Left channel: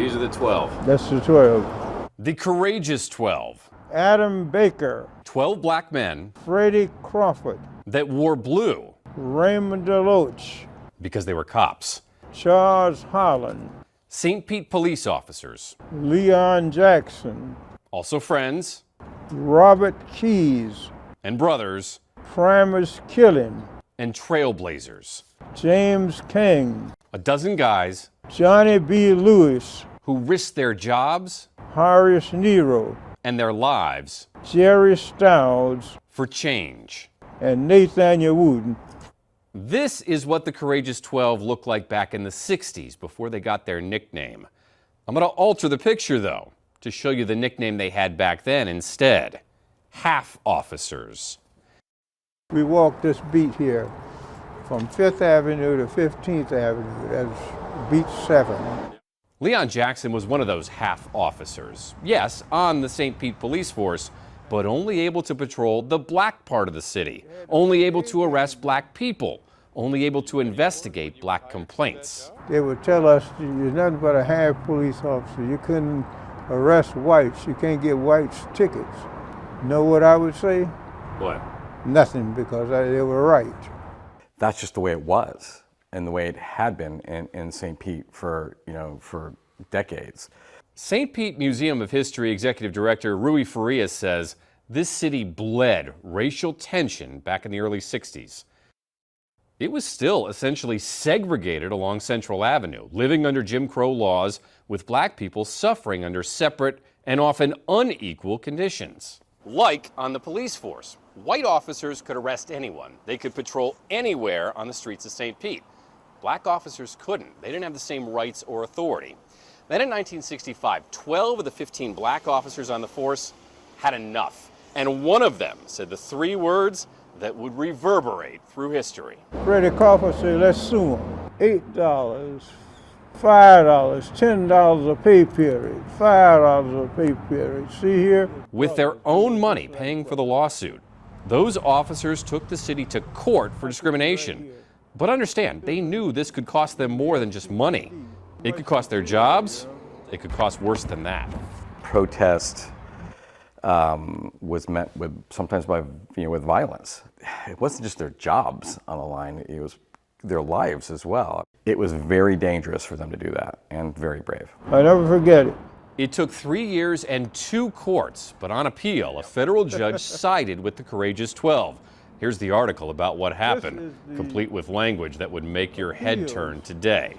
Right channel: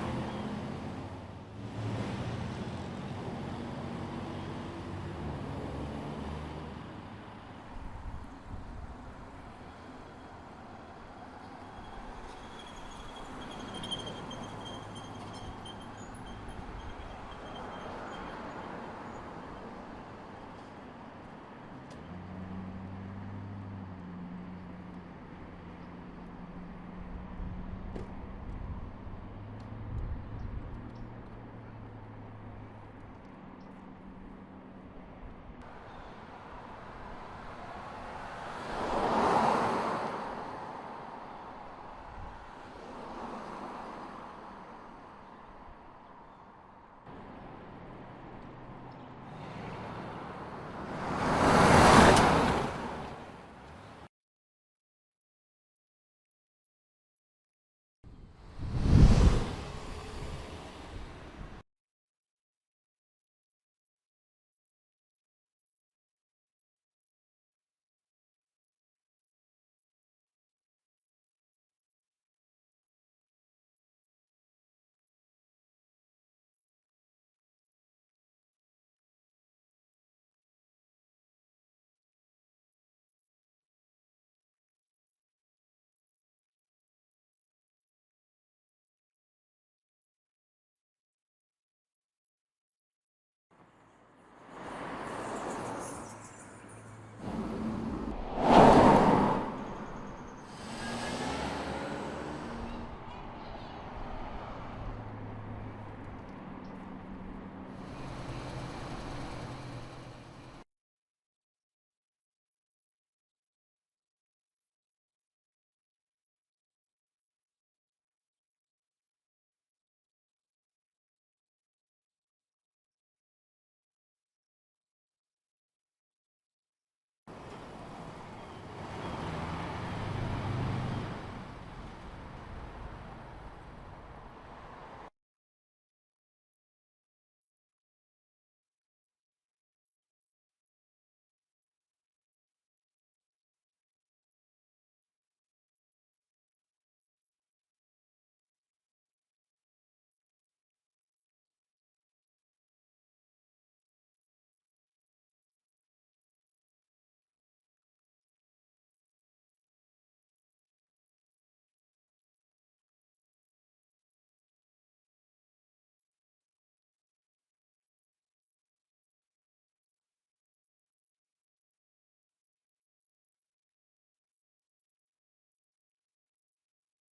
these are the 12. That's the 12. The courageous 12. Adam Baker, 12 black men Freddie Crawford, that wore blue Raymond Deloach, because they were cops. Charles Holland, St. Pete police officers, Leon Jackson, also friends Robert Keys, and brothers Primus Killing, and trailblazers. James King, A dozen guys Johnny B. Lewis, who risked their jobs Horace Nero, and their lives Jerry Stouds, for change. and Nathaniel Wooten. This is what the Courageous 12 looked like back in the 60s before they got their nickname. I'm going to alter the picture, though, to show you the nickname they had back then instead. Half officers. We walked this beat here from 5th Avenue to 15th Avenue. That's beat 7. Leon Jackson was one of those half officers. Yes, on the St. Pete police force, but only able to patrol the black part of the city, only able to arrest black people, only able to investigate black complaints. They would tell us you're nothing but a half police officer. You couldn't arrest whites. You can't get whites tickets. Know what I would say? What? Nothing, because they were right. That's just the way it was and the way it had been in St. Pete for decades. St. Pete Museum of History Executive Director Rui Farias says this city bled racial tension back in the early 60s. It was still essentially segregated along Central Avenue, living under Jim Crow laws, with black people suffering under separate and often unequal conditions. Like on the police force, white officers could arrest anyone. They could patrol anywhere on the streets of St. Pete. Black officers couldn't. They didn't have the same rights or authority. Then in 1965, 12 of the 15 black officers on the force had enough. And one of them said the 3 words that would reverberate through history. Freddie Crawford said, let's sue them. $8, $5, $10 a pay period, $5 a pay period. See here? With their own money paying for the lawsuit, those officers took the city to court for discrimination. But understand, they knew this could cost them more than just money. It could cost their jobs. It could cost worse than that. Protest was met with sometimes with violence. It wasn't just their jobs on the line; it was their lives as well. It was very dangerous for them to do that, and very brave. I never forget it. It took 3 years and 2 courts, but on appeal, a federal judge sided with the Courageous 12. Here's the article about what happened, complete with language that would make your head turn today.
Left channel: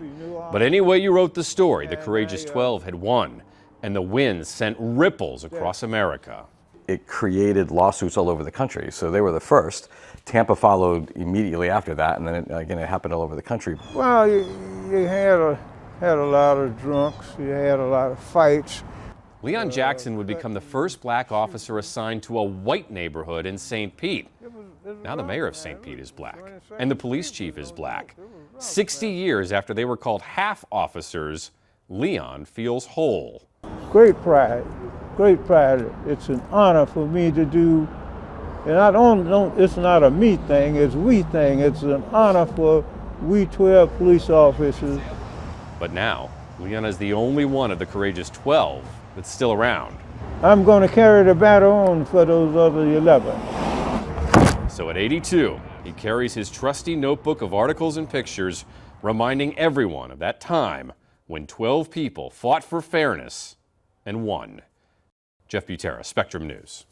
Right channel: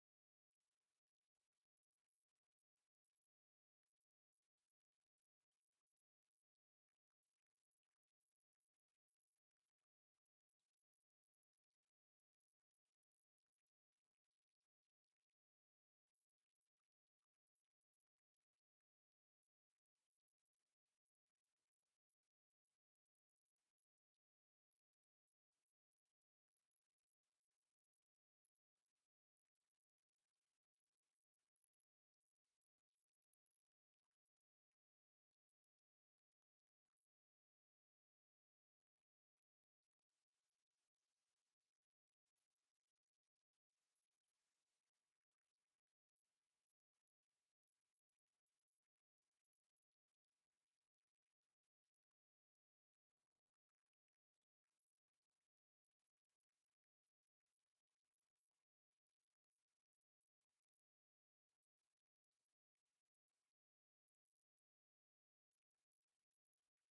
But any way you wrote the story, the Courageous 12 had won, and the win sent ripples across America. It created lawsuits all over the country, so they were the first. Tampa followed immediately after that, and then it happened all over the country. Well, you had a lot of drunks, you had a lot of fights. Leon Jackson would become the first black officer assigned to a white neighborhood in St. Pete. Now the mayor of St. Pete is black, and the police chief is black. 60 years after they were called half officers, Leon feels whole. Great pride, great pride. It's an honor for me to do, and it's not a me thing, it's we thing. It's an honor for we 12 police officers. But now, Leon is the only one of the Courageous 12 that's still around. I'm going to carry the battle on for those other 11. So at 82, he carries his trusty notebook of articles and pictures, reminding everyone of that time when 12 people fought for fairness and won. Jeff Butera, Spectrum News.